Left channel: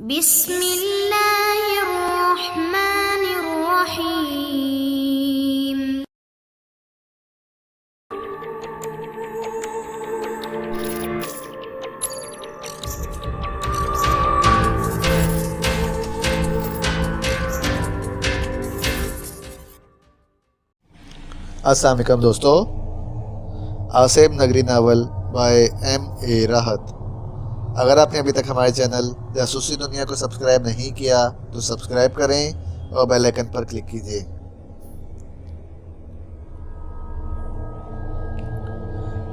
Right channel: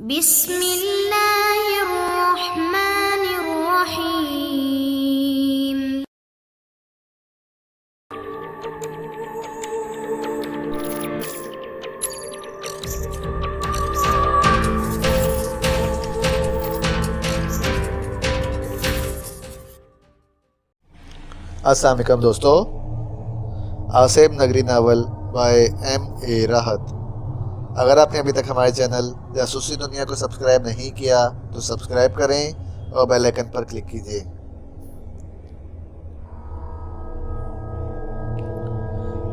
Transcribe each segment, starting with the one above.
بسم اللہ الرحمن الرحیم۔ السلام علیکم دوستو، آصف نگری ناول بائے ایم اے راحت۔ اگر آپ نے ابھی تک ہمارے چینل جاسوسی دنیا کو سبسکرائب نہیں کیا تو سبسکرائب کریں اور بیل آئیکن پر کلک کیجیے۔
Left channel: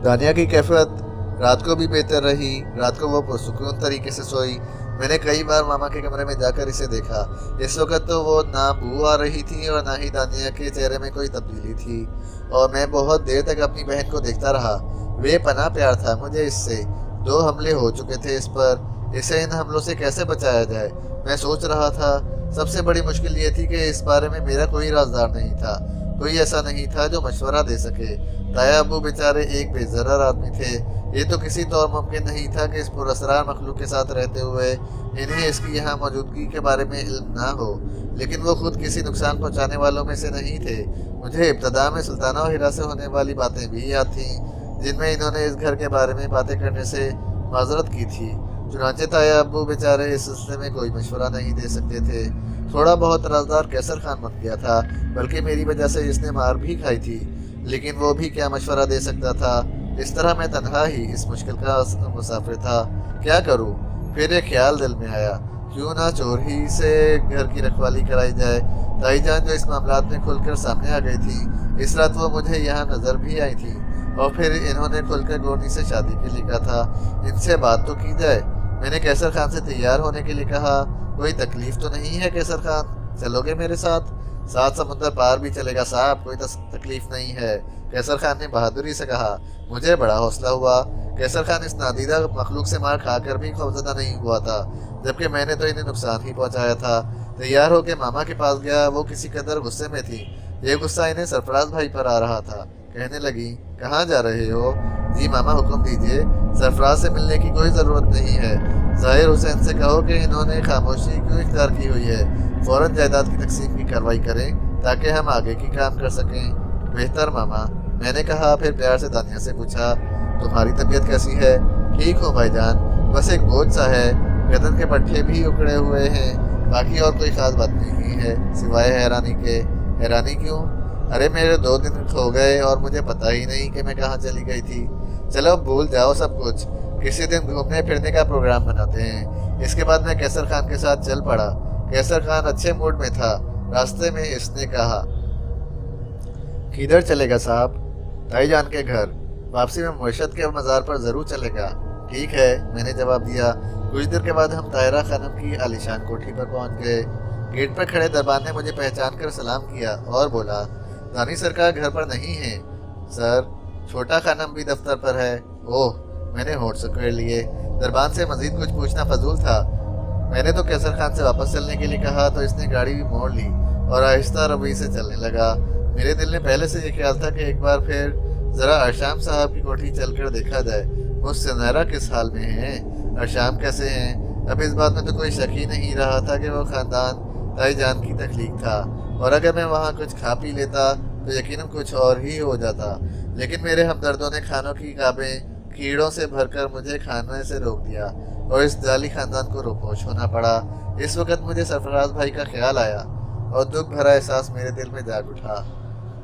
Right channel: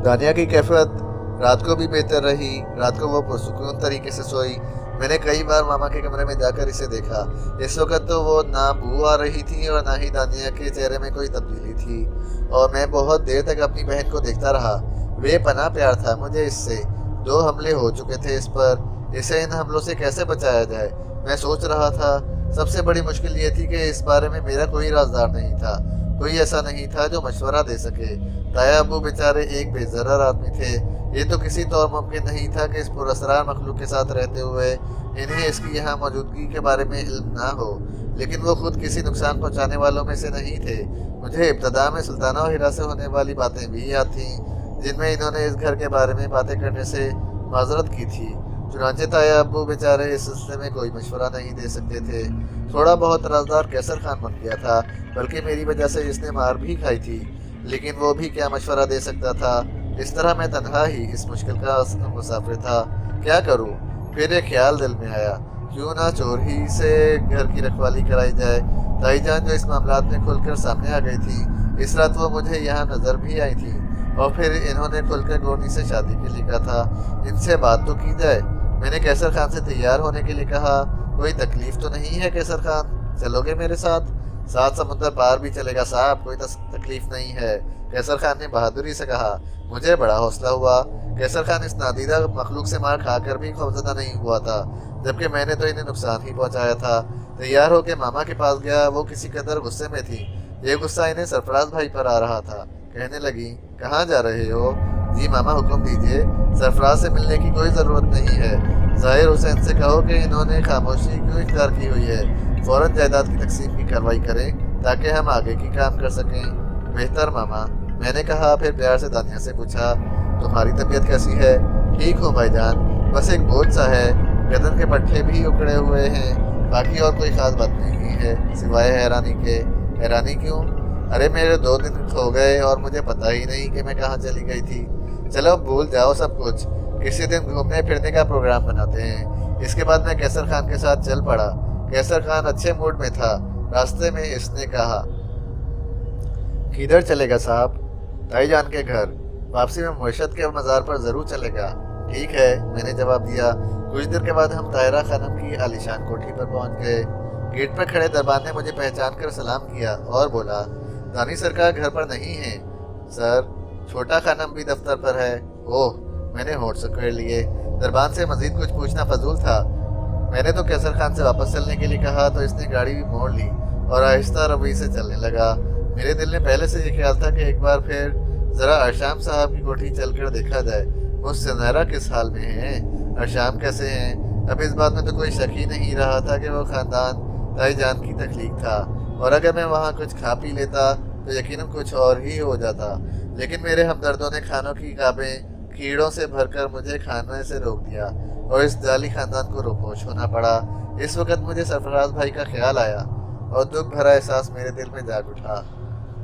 دانیہ کی کیفیت رات کو بھی بہتر رہی۔ رات کو وہ پرسکون طریقے سے سوئی۔ میں نے کئی بار ماما کے کمرے میں جا کر اسے دیکھا۔ اس وقت تو وہ نہ بو آ رہی تھی اور نہ ہی دانیہ کے چہرے میں کوئی تبدیلی تھی، اور میں بہت دیر تک اپنی بہن کو دیکھتا رہا۔ بے پناہ پیار تھا مجھے اس سے۔ 2 حملے ہو چکے تھے اس پر، اسے ان حملوں سے کیسے بچایا جائے میں سوچ رہا تھا۔ سب سے بڑی مشکل یہ تھی کہ اس بارے میں میرا کوئی رازدار نہیں تھا، کوئی ایسا نہیں تھا جو مشورہ دے سکے۔ تایا ابو بیچارے ایک بے ضرر آدمی تھے۔ یہ تو کسی طور ممکن نہیں تھا کہ اس پراسرار مخلوق کے ساتھ رہتے ہوئے انہیں اس کی یہاں موجودگی کے بارے میں علم نہ ہو، لیکن وہ خود کسی نقصان پہنچانے والوں میں سے نہیں تھے۔ مجھے ابتدا میں سلطانہ و ہیرا سے ہونے والی باتیں بھی یاد تھیں، جن میں انہوں نے اس گھر کے بارے میں باتیں کرنے سے معذرت کی تھی۔ چنانچہ تایا ابو بیچارے اس سلسلے میں کوئی مشورہ نہیں دے سکتے تھے۔ تھوڑا بہت رازدار کیسر خان بن گیا تھا، بلکہ میری وجہ سے اس نے مار بھی کھائی تھی، لیکن وہ بھی کیا مشورہ دے سکتا تھا۔ اس طرح میں تنہا ہی اس مشکل کا مسافر تھا۔ کیا کروں؟ پھر ایک خیال دل میں آیا، کیوں نہ چور ہی سے گھر کی رکھوالی کرائی جائے۔ تائی جان جو اس معاملات میں کھل کر سامنے آ گئی تھی، اس رات وہ مجھے یہاں نظر بھی آئی تھی، اور پھر انہوں نے کھل کر گورنی سے شادی کے لیے کہا تھا۔ ان سے بات تو کی جائے۔ میں نے کیسر خان سے تیار ہونے کے لیے کہا۔ کوئی تکلیف تو نہیں ہے کیسر خان؟ چلو گے میرے ساتھ؟ 7 سمندر پار بھی چلے گا صاحب، کوئی تکلیف نہیں ہے، کیسر خان نے بہادری سے کہا۔ مجھے بڑا حوصلہ ہوا۔ کیسر خان اس نادیدہ مخلوق سے مار کھا کر بھی خوفزدہ نہیں ہوا تھا، جبکہ میں نے تو انہیں نقصان ہی پہنچایا تھا۔ تیار ہو کے ماما کے پاس گیا۔ وہ کسی قدر غصے میں تھی۔ یہ غصہ انہیں سرفراز بھائی پر آ رہا تھا۔ کہنے لگی، کہاں جا رہے ہو؟ جی ماما حکم دیجیے، سرفراز سے ملنے کی کوئی ضرورت نہیں ہے۔ ظاہر حسین سے کہو کہ انہوں نے خاموشی کیوں اختیار کی ہوئی ہے، فوراً جائیداد کی تقسیم کی کارروائی کریں تاکہ ہم آگے کی کام کر سکیں۔ بہتر ماما، میں نے کہا۔ پھر پیار سے دانیہ سے پوچھا، تمہاری طبیعت کیسی ہے؟ ٹھیک ہوں بھائی جان، بس ایک بوجھ سا ہے، گردن کے پٹھے بھی اکڑے ہوئے ہیں، باقی اور کوئی خاص بات نہیں ہے سوائے حیرانی کے۔ حیرانی کیوں؟ ارے میرے 2 دن کھو گئے اور مجھے پتہ ہی نہیں کہ میں کہاں چلی گئی تھی۔ چلو بھول جاؤ سب کچھ، کسی دن گھومنے پھرنے کا پروگرام بناتے ہیں۔ اس کے بعد میں کیسر خان کے ساتھ چل پڑا۔ کیسر خان اچھے موڈ میں تھا۔ راستے میں اس نے کہا، کدھر چلے گا صاحب؟ تائی جان کے گھر۔ واپسی میں مرشد کے مزار پر ضرور چلے گا۔ ٹھیک ہے، میں نے جواب دیا۔ کچھ دیر کے بعد ہم طاہرہ خانم کی عالیشان کوٹھی پر پہنچ گئے۔ گیٹ پر کھڑے دربان نے مجھے پہچان کر سلام کیا اور بولا، دانی سرکار گھر پر نہیں ہیں سر، چھوٹا خانم بھی دفتر پر ہے۔ اوہ، میں نے ہونٹ سکیڑ لیے۔ دربان سے مزید کچھ پوچھنا فضول تھا۔ میں نے تو کیسر خان سے واپس چلنے کے لیے کہا تو اس نے گاڑی بھی موڑ لی اور آہستہ روی سے چلنے لگا۔ میرے دل میں پہلے سے یہ خیال تھا کہ ایک بار پھر ذرا ارشام صاحب کی کوٹھی چل کر دیکھا جائے، وہ سنہرا کس حال میں ہیں، ارشام کیسے ہیں۔ اب اس بات میں تو کوئی شک ہی نہیں رہا تھا کہ وہ خاندان تائی جان کی تخلیق تھا، اور اگر میں وہاں کچھ کھا پی لیتا تو یقیناً کچھ اور ہی ہو جاتا۔ لیکن میرے ہمدردوں نے کھانوں کی کابیں کیڑوں سے بھر کر مجھے کھانے سے روک دیا اور اس جعلی خاندان کو روپوش ہونا پڑا۔ اس وقت مجھے سرفراز بھائی کا خیال آیا اور دکھ بھرا احساس میرے دل میں جاگ اٹھا۔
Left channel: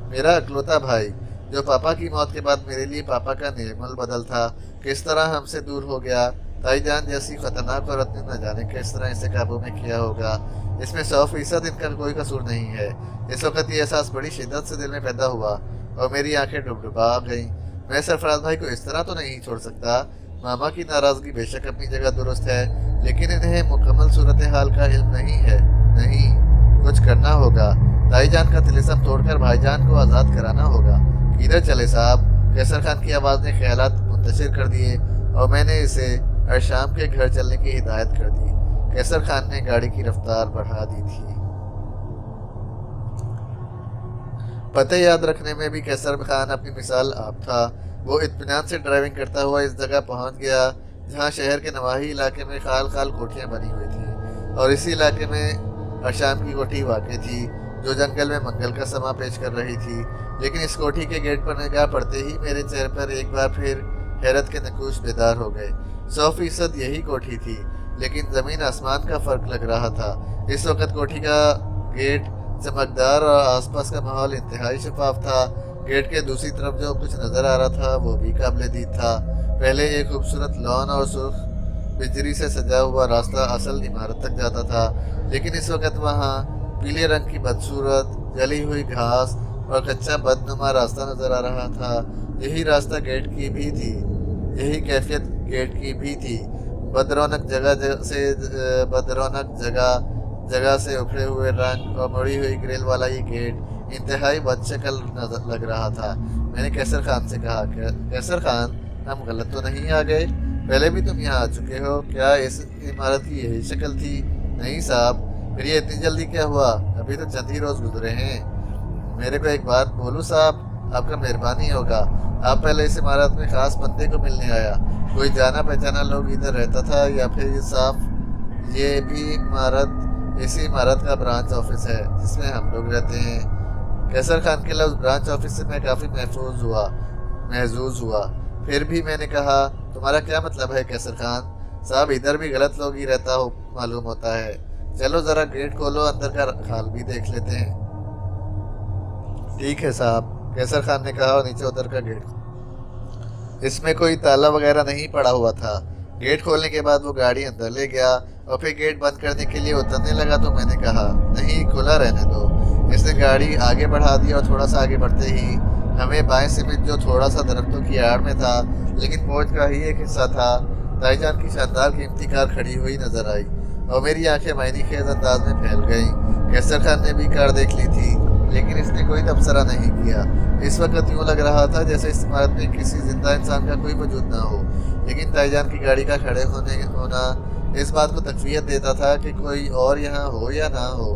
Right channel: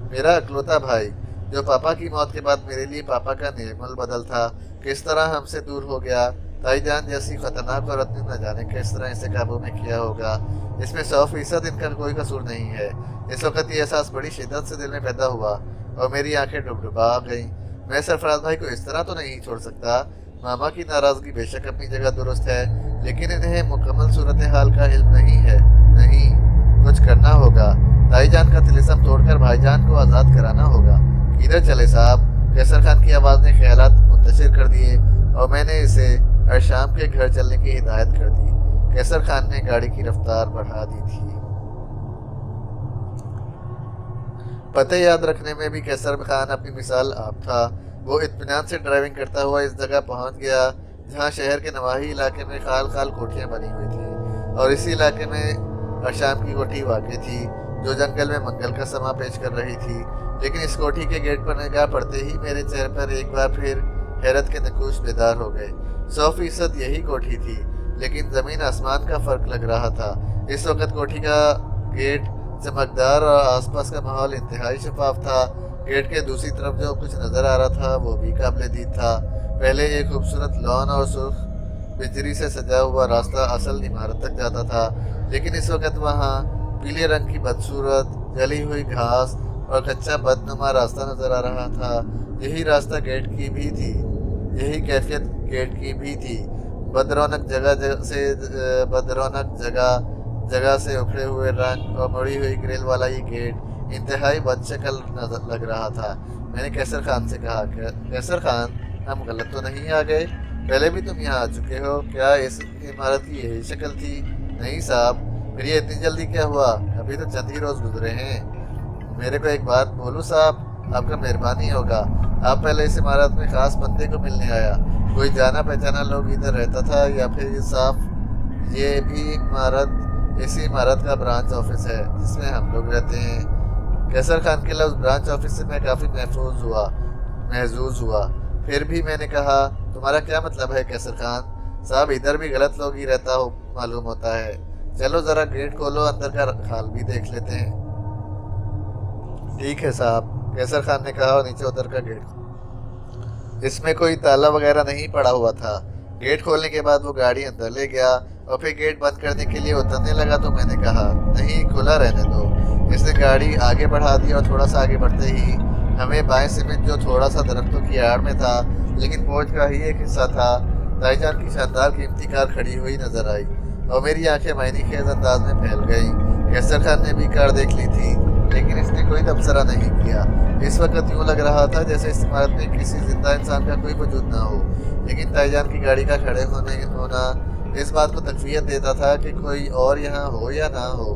میرا اکلوتا بھائی، جو پاپا کی موت کے بعد میرے لیے پاپا کا نعم البدل تھا، کس طرح ہم سے دور ہو گیا۔ تائی جان جیسی خطرناک عورت نے نہ جانے کس طرح اسے قابو میں کیا ہوگا۔ اس میں 100% ان کا کوئی قصور نہیں ہے۔ اس وقت یہ احساس بڑی شدت سے دل میں پیدا ہوا اور میری آنکھیں ڈبڈبا گئیں۔ میں سرفراز بھائی کو اس طرح تو نہیں چھوڑ سکتا۔ ماما کی ناراضگی بے شک اپنی جگہ درست ہے، لیکن انہیں مکمل صورتحال کا علم نہیں ہے۔ نہیں، کچھ کرنا ہوگا۔ تائی جان کا طلسم توڑ کر بھائی جان کو آزاد کرانا ہوگا۔ کدھر چلے صاحب؟ کیسر خان کی آواز نے خیالات منتشر کر دیے اور میں نے اسے ارشام کے گھر چلنے کی ہدایت کر دی۔ کیسر خان نے گاڑی کی رفتار بڑھا دی تھی۔ پتے یاد رکھنے میں بھی کیسر خان اپنی مثال آپ تھا۔ وہ اطمینان سے ڈرائیونگ کرتا ہوا اس جگہ پہنچ گیا جہاں شہر کے نواحی علاقے میں خال خال کوٹھیاں بنی ہوئی تھیں۔ और इसी इलाके में अशाम की कोठी वाक़ थी जो जंगल में मंगल का समा पेश कर रही थी। लेकिन इस कोठी के गेट पर निगाह पड़ते ही मेरे चेहरे पर एक बार फिर हैरत के नकूश बेदार हो गए। 100% यही कोठी थी, लेकिन ज़मीन आसमान का फ़र्क लग रहा था। इस वक्त कोठी का गेट चमकदार और आसपास का माहौल इंतहाई शफाफ था। गेट के दूसरी तरफ जो कुछ नज़र आ रहा था वो भी काबिल दीद था। पहले एक खूबसूरत लॉन और सुर्ख बिजली से सजा हुआ रास्ता असल इमारत तक जाता था, लेकिन इस वक्त वहाँ पीले रंग की बदसूरत जली हुई घास और कच्चा बदनुमा रास्ता नज़र आ रहा था। यही रास्ता गेट की भी थी, यही कैफियत गेट की भी थी। बदरौनक जगह से उखड़े हुए रंग और मुड़ी हुई ग्रिल वाला ये गेट इंतहाई बदशकल लग रहा था। मैंने कैसर खान से कहा, कैसर खान, हम गलत तो नहीं आ गए? पहले भी तुम यहाँ आ चुके हो क्या? इस इमारत की यही शक्ल थी? नहीं साहब। फिर ये इतनी जल्दी क्या हुआ? अभी तो चंद ही रोज़ गुजरे हैं। मेरे को एक बात बोलूँ साहब, आपका मेहरबानी होगा। आप पहले इस इमारत में ख़ास बंदे को मिलने आया? कोई जाना पहचाना लोग इधर रहता था या फिर ये भी इसी इमारत का ब्रांच ऑफिस है जिसमें हम लोग रहते हैं? कैसर खान के लफ्ज़ ब्रांच ऑफिस से मैं काफ़ी महजूज हुआ। फिर भी मैंने कहा, तुम्हारा क्या मतलब है कैसर खान साहब? इधर भी गलत लोग ही रहता हो मालूम होता है। चलो ज़रा गेट खोलो, अंदर का हाल भी देख लेते हैं। ठीक है साहब, कैसर खान ने कहा और नीचे उतर का गेट। इसमें कोई ताला वगैरह नहीं पड़ा हुआ था। गेट खोलने के बाद वो गाड़ी अंदर ले गया और फिर गेट बंद करने के लिए उतरने लगा तो मैंने कहा, नहीं, खुला रहने दो। इसने गाड़ी आगे बढ़ा दी और थोड़ा सा आगे बढ़ते ही हमें बाएं सिमत जो थोड़ा सा दरख्तों की आड़ में था लेकिन पहुंच का ही एक हिस्सा था, ताईजान की शानदार कीमती कार खड़ी हुई नजर आई और मेरी आंखें मायने खेज अंदाज में फैल गईं। कैसर खान ने भी कार देख ली थी, लेकिन इसने कोई तबसरा नहीं किया। इस वक्त यूँ लग रहा था जैसे इस इमारत में किसी जिंदा इंसान का कोई वजूद ना हो। लेकिन ताईजान की गाड़ी का खड़े होना इस बात को तकवीत देता था कि कोई और यहाँ हो या ना हो,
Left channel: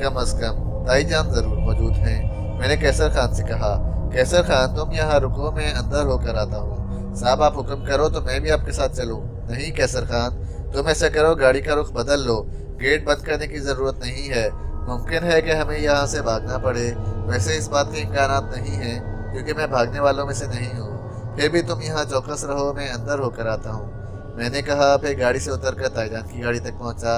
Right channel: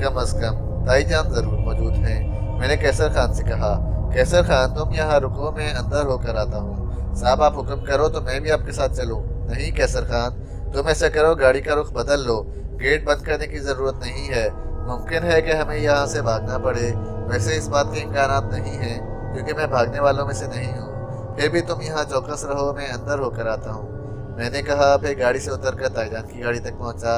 कम अज़ कम ताईजान ज़रूर मौजूद हैं। मैंने कैसर खान से कहा, कैसर खान, तुम यहाँ रुको, मैं अंदर होकर आता हूँ। साहब आप हुक्म करो तो मैं भी आपके साथ चलूँ? नहीं कैसर खान, तुम ऐसा करो, गाड़ी का रुख बदल लो। गेट बंद करने की ज़रूरत नहीं है। मुमकिन है कि हमें यहाँ से भागना पड़े। वैसे इस बात के इम्कानात नहीं हैं क्योंकि मैं भागने वालों में से नहीं हूँ। फिर भी तुम यहाँ चौकस रहो, मैं अंदर होकर आता हूँ। मैंने कहा। फिर गाड़ी से उतरकर ताईजान की गाड़ी तक पहुँचा।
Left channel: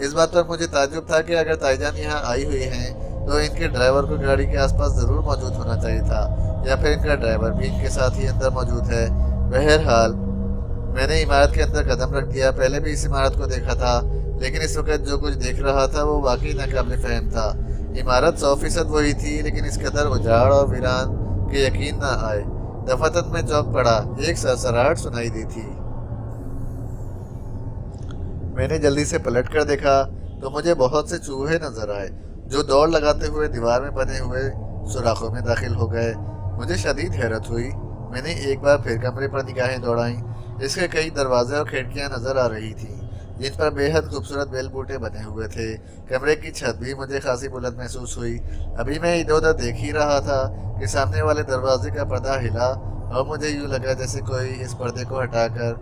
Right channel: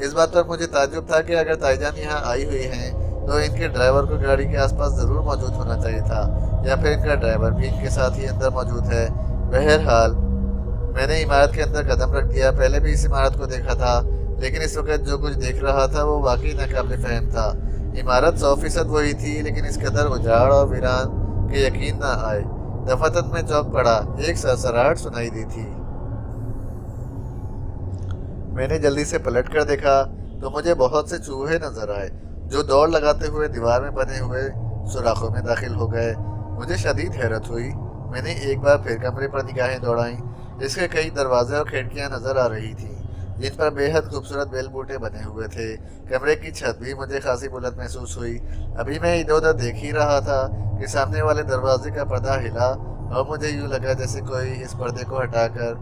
इस बात पर मुझे ताज्जुब था कि अगर ताईजान यहाँ आई हुई हैं तो इनके ड्राइवर को गाड़ी के आसपास ज़रूर मौजूद होना चाहिए था, या फिर इनका ड्राइवर भी इनके साथ ही अंदर मौजूद है। बहरहाल मैंने इमारत के अंदर कदम रख दिया। पहले भी इस इमारत को देखा था, लेकिन इस वक्त जो कुछ देख रहा था वो वाकई नाकाबिल फहम था। इमारत 100% वही थी, लेकिन इस कदर उजाड़ और वीरान के यकीन न आए। दफातन में चौंक पड़ा। एक सरसराहट सुनाई दी थी। मैंने जल्दी से पलट कर देखा तो मुझे बहुत से चूहे नजर आए जो दौड़ लगाते हुए दीवार में बने हुए सुराखों में दाखिल हो गए। मुझे शदीद हैरत हुई। मैंने एक बार फिर कमरे पर निगाहें दौड़ाईं। इसके कई दरवाजे और खिड़कियां नजर आ रही थीं जिन पर बेहद खूबसूरत बेल बूटे बने हुए थे। कमरे की छत भी मुझे खासी बुलंद महसूस हुई। अभी मैं इधर उधर देख ही रहा था कि सामने वाले दरवाजे का पर्दा हिला और मुझे यूँ लगा जैसे कोई इस पर्दे को हटाकर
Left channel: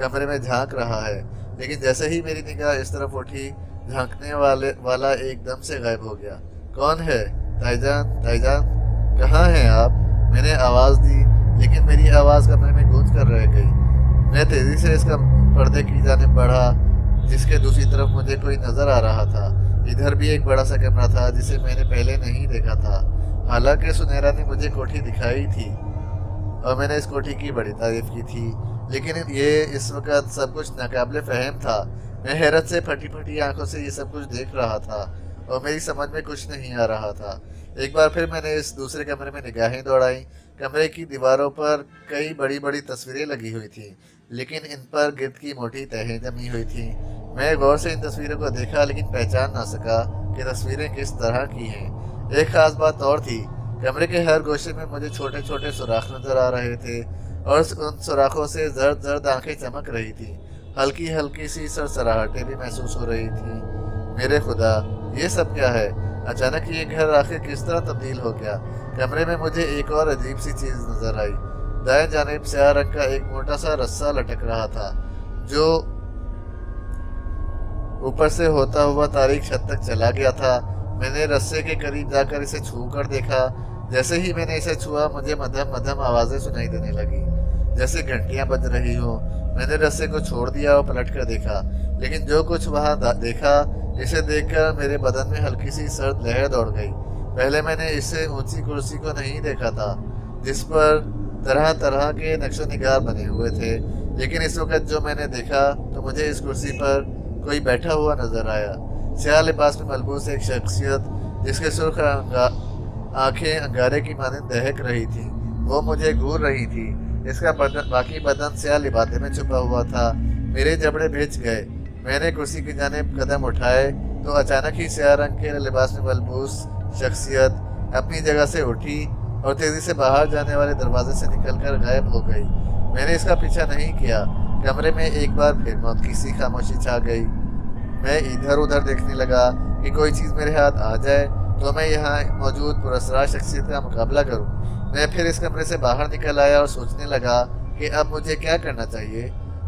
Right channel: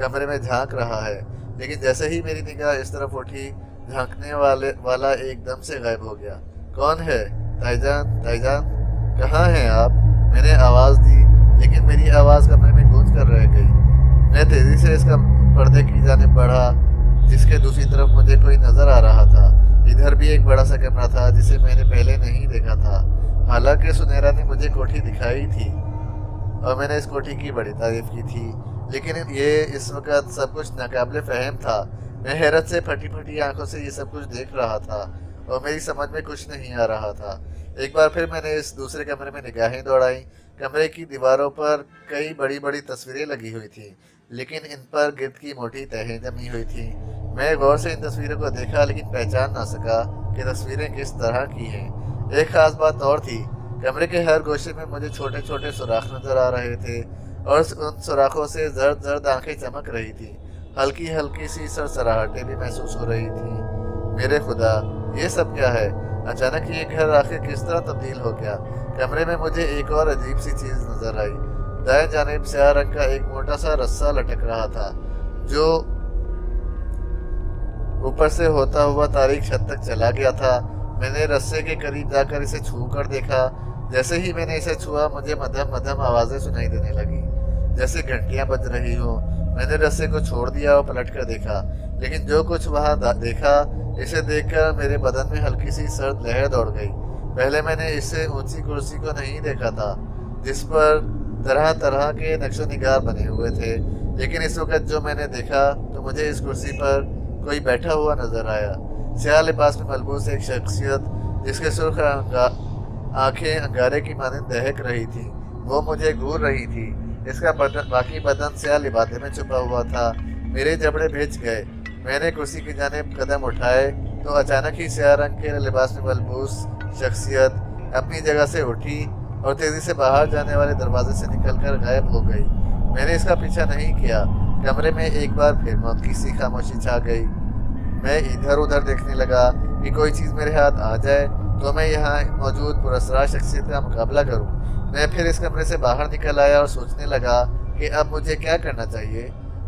कमरे में झांक रहा है। लेकिन जैसे ही मेरी निगाह इस तरफ उठी, झांकने वाला एकदम से गायब हो गया। कौन है? ताईजान, ताईजान, कहाँ हैं आप? मैंने आवाज़ दी, लेकिन मेरी आवाज़ कमरे में गूंज कर रह गई। मैं तेज़ी से इसका पर्दे की जानिब बढ़ा, जिसके दूसरी तरफ मुझे कोई नज़र आ रहा था। इधर भी एक बड़ा सा कमरा था जिसे मैंने पहले नहीं देखा था। हालांकि सुनहरा ने मुझे कोठी दिखाई थी और मैंने इस कोठी की बड़ी तारीफ की थी, लेकिन ये इस वक्त सब कुछ नाकाबिले फ़हम था। मैं हैरत से फटी फटी आंखों से ये सब कुछ देख रहा था और मेरी समझ में कुछ नहीं आ रहा था। एक बार फिर मैंने इस दूसरे कमरे में निगाहें दौड़ाई। कमरे की दीवारों पर कई बड़ी बड़ी तस्वीरें लगी हुई थीं, लेकिन इन पर गिर्द की मोटी तहें जमी हुई थीं। मैं गौर से इन तस्वीरों को देखा, लेकिन पहचान ना सका कि तस्वीरें किस तरह की हैं। एक ख़ास बात और थी, कमरे के हर गोशे में मुझे छोटे छोटे सुराख नज़र आ रहे थे और उन सुराखों से जर्द जर्द आंखें चमक रही थीं। हल्की हल्की सी सरसराहटें भी महसूस हो रही थीं। मेरे खुदा, ये सब क्या है? अचानक ये घर आखिर किस तरह तब्दील हो गया? कमरे में मुझे एक और अजीब सी चीज़ नज़र आई। दाएं जानिब स्याह रंग का एक मोटा सा रस्सा लटक रहा था जो ऊपर से होता हुआ तारीख छत तक चला गया था। मैंने रस्से के करीब जाकर इसे छू कर देखा। जैसे ही मैंने इसे छुआ मुझे मध्यम मध्यम आवाज़ें सुनाई देने लगी, जैसे घंटियां बज रही हो। मैंने रस्से को छोड़ दिया और पलट कर देखा, लेकिन जो कुछ वहां देखा, इसे देखकर मेरे बदन में हल्की सी सर्द लहर दौड़ गई। पहले मैंने इससे ऊंची कुर्सी को नहीं देखा था जिस पर तरह तरह के नक्शो निगार बने हुए थे, लेकिन इस वक्त जो मैंने देखा तो मुझे इस कुर्सी पर कोई बैठा हुआ नजर आया। स्याह लिबास में मलबूस एक शख्सियत जिसके सुर्ख आंखें अंगारे की मानंद दहक रही थी, वो मुझे घूर रही थी। इसका बाकी बदन स्याह लिबाते में छुपा हुआ था। मेरे जबड़े भिज गए। मैंने कुर्सी की जानिब कदम उठाए तो अचानक ही स्याह रंग के लिबास में मलबूस शख्सियत अपनी जगह से उठी और तेजी से बाहर जाने वाले दरवाजे से निकलकर गायब हो गई। मैंने इसका पीछा नहीं किया। कमरे में एक बार फिर मौत की सी खामोशी छा गई। मैं इधर उधर देखने लगा कि कोई चीज़ मेरे हाथ आ जाए तो मैं यहाँ मौजूद पुरस्कार शख्सियत का मुकाबला करूँ। मैं फिर इस कमरे से बाहर निकल आया और सोचने लगा कि अब मुझे क्या करना चाहिए।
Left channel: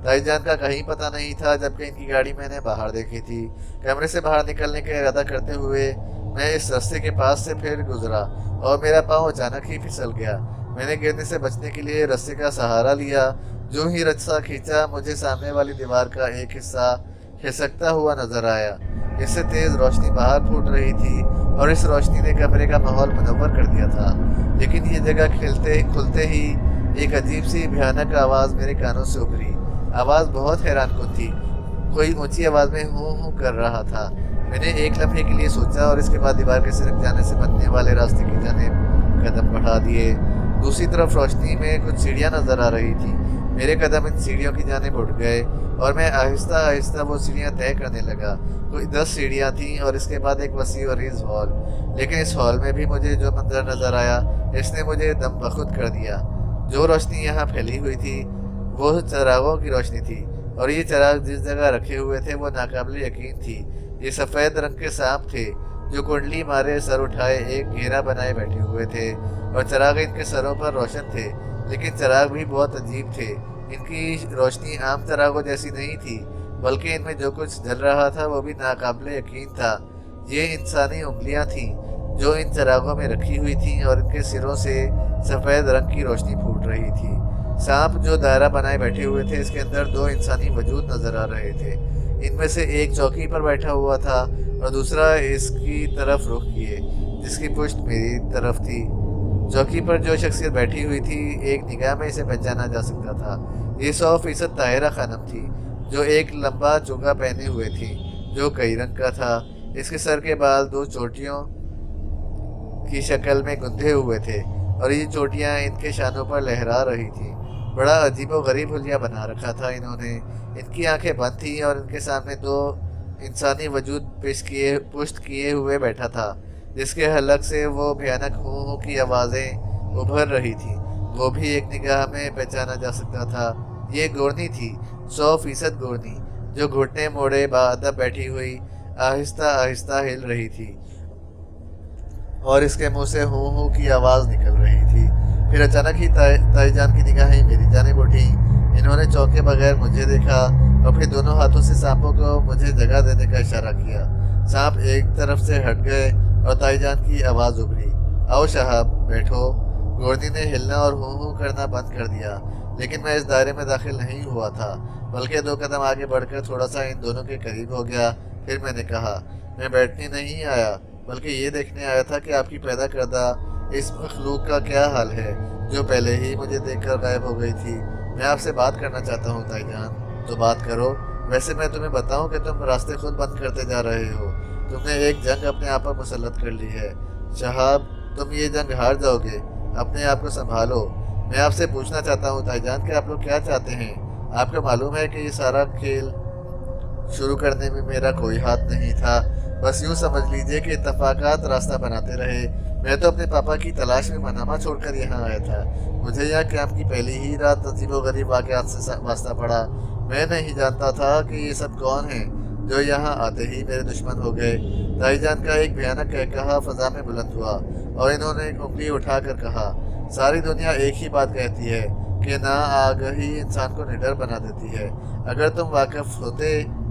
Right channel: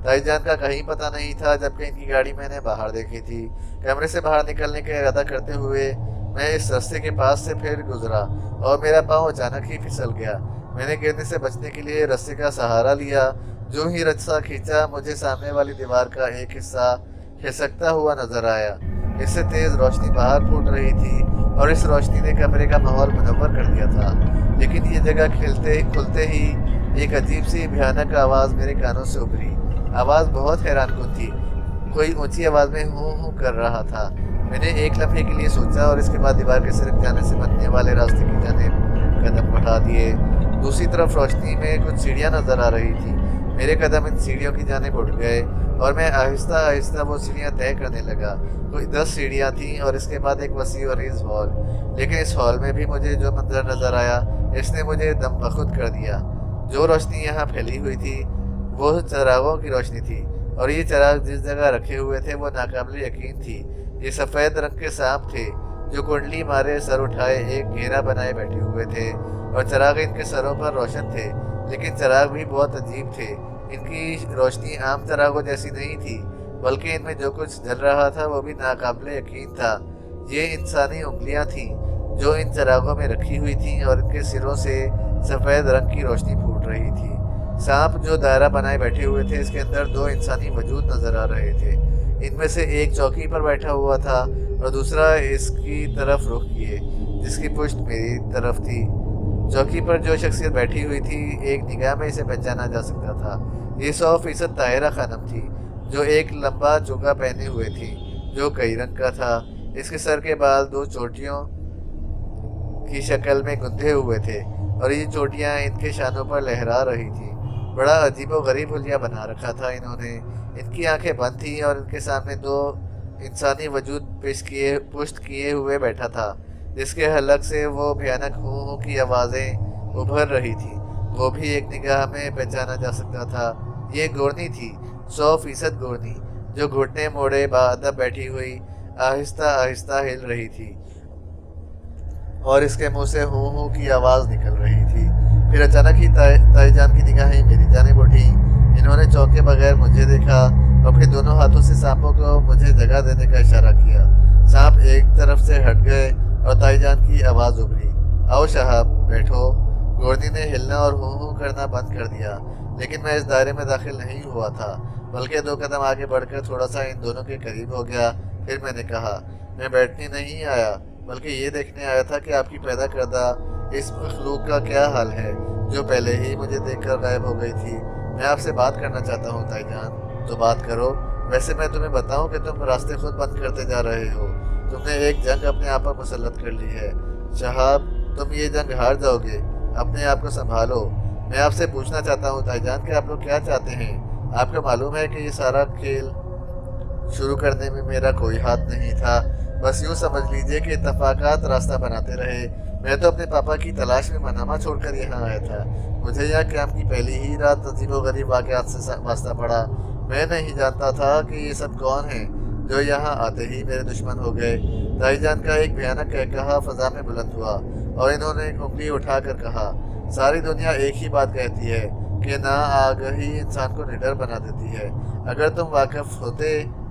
ताईजान का कहीं पता नहीं था, जबकि इनकी गाड़ी मैंने बाहर देखी थी। कमरे से बाहर निकलने का इरादा करते हुए मैं इस रास्ते के पास से फिर गुजरा और मेरा पाँव अचानक ही फिसल गया। मैंने गिरने से बचने के लिए रस्से का सहारा लिया। जो ही रस्सा खींचा, मुझे सामने वाली दीवार का एक हिस्सा खिसकता हुआ नजर आया। इससे तेज रोशनी बाहर फूट रही थी और इस रोशनी ने कमरे का माहौल मुनव्वर कर दिया था। लेकिन ये जगह खुलते ही एक अजीब सी भयानक आवाज़ मेरे कानों से उभरी। आवाज़ बहुत हैरानकुन थी। कोई ऊंची आवाज़ में हूँ हूँ कर रहा था। मैंने एक लम्हे के लिए सोचा और इसके बाद दीवार के सिरक जाने से बनने वाले रास्ते की जानिब कदम बढ़ा दिए। दूसरी तरफ रोशनी में कुछ सीढ़ियाँ नजर आ रही थी। मेरे कदम इन सीढ़ियों की जानिब उठ गए और मैं आहिस्ता आहिस्ता वो सीढ़ियाँ तय करने लगा। कोई 10 सीढ़ियाँ थीं और इसके बाद एक वसी और अरीज हॉल। लेकिन इस हॉल में भी मुझे जो मंजर नजर आया, इसने मुझे दम बखुद कर दिया। जो रोशनी यहाँ फैली हुई थी वो चरागों की रोशनी थी, और ये चराग जिस जगह रखे हुए थे वो नाकाबिल यकीन थी। ये सफ़ेद रंग के सांप थे जो कुंडली मारे सर उठाए एक घेरा बनाए बैठे हुए थे, और चराग इनके सरों पर रोशन थे। लेकिन चराग भी बहुत अजीब थे। इनकी रोशनी आम चरागों जैसी नहीं थी, बल्कि इनमें जो कुछ जल रहा था वो भी नाकाबिल यकीन था। ये इंसानी उंगलियां थीं जो इन चरागों में रखी हुई थीं, और इनके सिरों से सफ़ेद रंग की रोशनी फूट रही थी। सांप जो दायरा बनाए बैठे हुए थे, इसके अंदर 2 इंसानी वजूद नजर आ रहे थे। इनमें से एक चौकी पर बैठा हुआ था और दूसरा इसकी तरफ रुख किए, जिसकी पुष्ट मेरी तरफ थी। चौकी पर जो शख्सियत बैठी हुई थी, एक निगाह में इसे पहचाना जा सकता था। ये 100% ताहिरा खानम थी, जो एक लंबा चोगा पहने हुए थी जो कई रंग का था। इसके सर के बाल 2 चोटियों की शक्ल में गुंथे हुए थे और ये चोटियाँ इनके शानों पर लहरा रही थी। बड़ा अजीबो गरीब हुलिया बना रखा था इन्होंने। इनकी आंखें बंद थीं और इनके सामने 2 इंसानी वजूद पुष्ट किए हुए बैठा था, जिसके हलक से वो भयानक हूँ की आवाज़ें उभर रही थी। वो भी एक निगाह में पहचाना जा सकता था। ये गोरनी थी, 100% गोरनी, जो घुटने मोड़े बाअदब बैठी हुई आहिस्ता आहिस्ता हिल रही थी और इसके मुंह से हूँ की आवाज़ निकल रही थी। फिर अचानक ही ताईजान की निगाहें मेरी जानिब उठी। इन्होंने चौंके बगैर मुझे देखा और फिर दोनों हाथों से सांपों को मुझे जगह देने का इशारा किया। सांप एक तरफ से हट गए और ताईजान की आवाज़ उभरी, आओ साहब बैठो। गोरनी ने हिलना और हूँ करना बंद कर दिया, लेकिन मैं इस दायरे में दाखिल नहीं हुआ था, बल्कि 2 कदम आगे बढ़कर थोड़ा सा इन दोनों के करीब हो गया। फिर मैंने कहा, मैं बैठने नहीं आया, बल्कि ये देखने आया था कि आपकी पैदा करदा इस मखलूक का क्या हाल है जो पहले ही मुझे देखकर गायब हो गई थी। मैं आपसे बात करना चाहता हूँ ताईजान। तो बात करो। वैसे मैं तुम्हें बताऊँ कि तुम रास्ते खुद बंद करते जा रहे हो। तुमने एक जंग अपने आप पर मुसल्लत कर ली है साहब। तुम ये जंग हार जाओगे। अपने आप को संभालो। मैं आपसे पूछना चाहता हूँ ताईजान कि आप लोग क्या चाहते हैं। आपको मालूम है कि ये सारा खेल शुरू करने में मेरा कोई हाथ नहीं था। बस यूँ समझ लीजिए कि इत्तफाकात रास्ता बनाते रहे। मैं तो अपने पापा की तलाश में मनामा छोड़कर यहाँ आया था। मुझे यहाँ कैंप की पहली ही रात अजीबो गरीब वाक़यात से वास्ता पड़ा। मैं नहीं जानता था कि ये सब कौन हैं जो यहाँ आते ही मेरे दुश्मन हो गए। ताईजान का एक भयानक कहकहा फ़ज़ा में बुलंद हुआ और इन्होंने एक उंगली उठाकर कहा, सारी दुनिया एक ही बात कहती है कि ना आगाही इंसान को निडर बना देती है। अगर तुम वाकिफ़ होते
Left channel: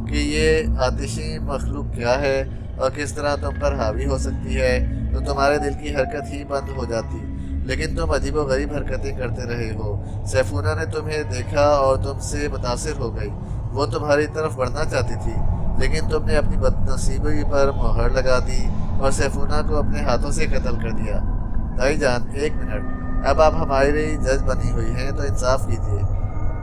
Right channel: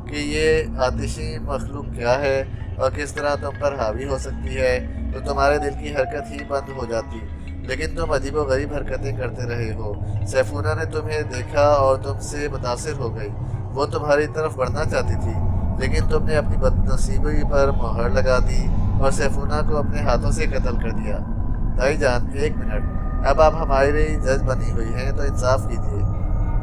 کہ یہ آتشی مخلوق کیا ہے اور کس طرح تم پر حاوی ہو سکتی ہے تو تمہارے دل کی حرکت ہی بند ہو جاتی، لیکن تم عجیب و غریب حرکتیں کرتے رہے ہو۔ سیفونہ نے تمہیں دیکھا اور تم سے متاثر ہو گئی۔ وہ تمہاری طرف بڑھنا چاہتی تھی، لیکن تم نے اپنی بد نصیبی پر مہر لگا دی اور سیفونہ کو اپنے ہاتھوں سے قتل کر دیا۔ بھائی جان، ایک منٹ، اب آپ ہماری جج بنی ہوئی ہیں تو انصاف کیجیے۔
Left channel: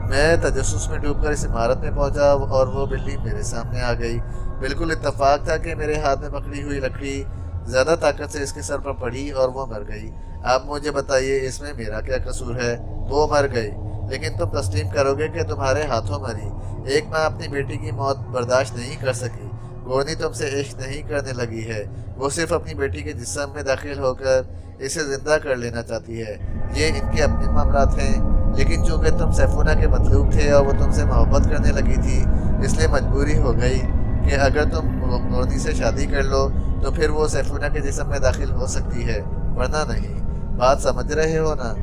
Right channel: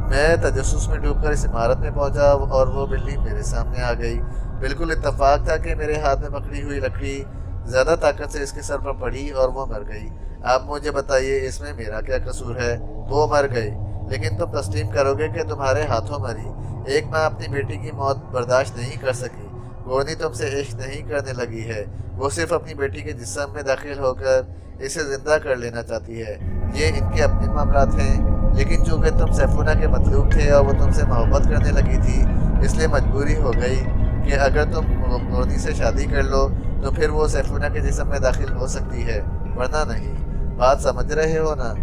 میں تجسس میں ڈوب کر اس عمارت میں پہنچا اور وہ بلی میرے سامنے آ گئی۔ بالکل اتفاق تھا کہ میرے ہاتھ میں پکڑی ہوئی لکڑی زیادہ طاقت سے اس کے سر پر پڑی اور وہ مر گئی۔ آپ مجھے بتائیے اس میں میرا کیا قصور ہے؟ وہ مر گئی، لیکن تم تسلیم کرو گے کہ تمہارے ہاتھوں مری۔ ایک ماں اپنی بیٹی کی موت برداشت نہیں کر سکی۔ گورنی تم سے عشق نہیں کرنے لگی ہے، وہ صرف اپنی بیٹی کے جسم میں داخل ہو کر اسے زندہ کر لینا چاہتی ہے۔ یہ ان کے اپنے معاملات ہیں، لیکن چونکہ تم سیفونہ کے مطلوب تھے اور وہ تم سے محبت کرنے لگی تھی، اس لیے مجبوری ہو گئی کہ اگر تم گورنی سے شادی کر لو تو پھر وہ سیفونہ کے جسم میں داخل ہو سکتی ہے، ورنہ نہیں۔ بات سمجھ رہے ہو نا؟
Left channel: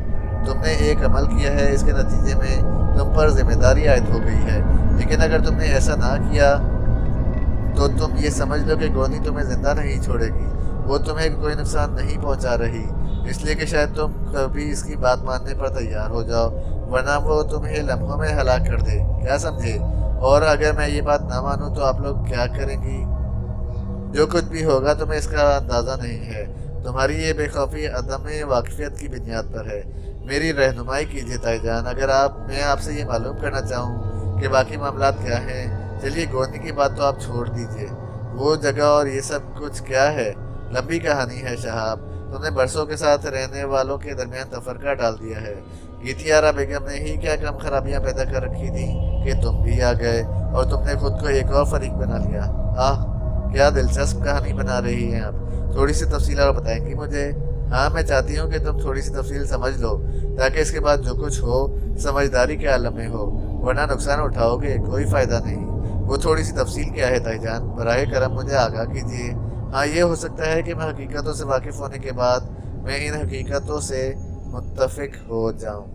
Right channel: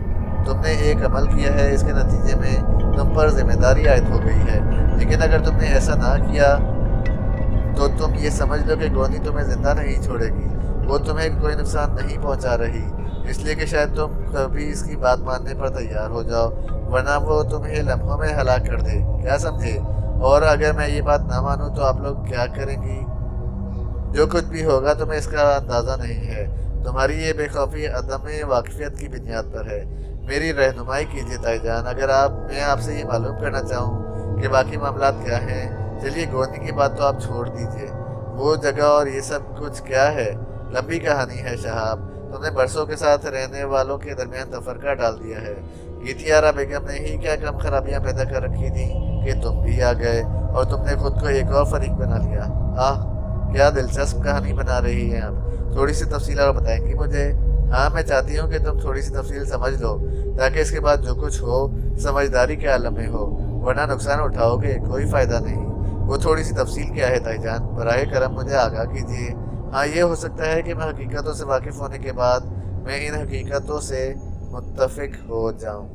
تم نے ایک عمل کیا ہے، اس کے نتیجے میں تم پر ذمہ داری عائد ہو گئی ہے، لیکن اگر تم نے ایسا نہ کیا تو تم یہ سمجھ لو کہ گورنی تمہیں زندہ نہیں چھوڑے گی۔ وہ تمہیں کوئی نقصان نہیں پہنچا رہی، اس لیے کہ شاید تم کبھی اس کی بات ماننے پر تیار ہو جاؤ، ورنہ وہ تمہیں لمحوں میں ہلاک کر دے، کیا سمجھے؟ اور اگر میں یہ بات نہ مانوں تو آپ لوگ کیا کریں گی؟ جو کچھ بھی ہوگا تمہیں اس کا اندازہ نہیں ہے۔ تمہاری یہ بے خوفی عدم واقفیت کی بنیاد پر ہے۔ میری رہنمائی کیجیے تائی جان، اگر میں آپ سے یہ معلوم کرنا چاہوں کہ باقی معاملات کیا ہیں۔ چلیے گورنی کی بات تو آپ چھوڑ دیجیے، وہ جگہ اور یہ سب کچھ کیا ہے؟ لمبی کہانی ہے شہاب، تم نے برسوں کے ساتھ رہنے والوں کے درمیان تفرقہ ڈال دیا ہے۔ گیتیارا بیگم نے ہی کیا کم خرابیاں پیدا کر رکھی تھیں کہ تم بھی آ گئے اور تم نے خود کو ایک اور فریق بنا لیا۔ کیا دلچسپ کہانی بنا رہی ہیں آپ، تھوڑی سی تفصیل اور بتائیں گی مجھے؟ ہاں، میں چاہتی ہوں کہ تم تھوڑی سی تفصیل سمجھ لو تاکہ اس کے بعد جو کچھ ہو سمجھداری کے عالم میں ہو، ورنہ نقصان اٹھاؤ گے، کوئی فائدہ نہیں۔ وہ تھوڑی سی تفصیل کیا ہے تائی جان؟ براہ کرم مجھے آگاہ کیجیے۔ ہاں، یہ ہو سکتا ہے کہ میں حقیقتوں سے واقف ہونے کے بعد میں ان حقیقتوں سے متفق ہو جاؤں۔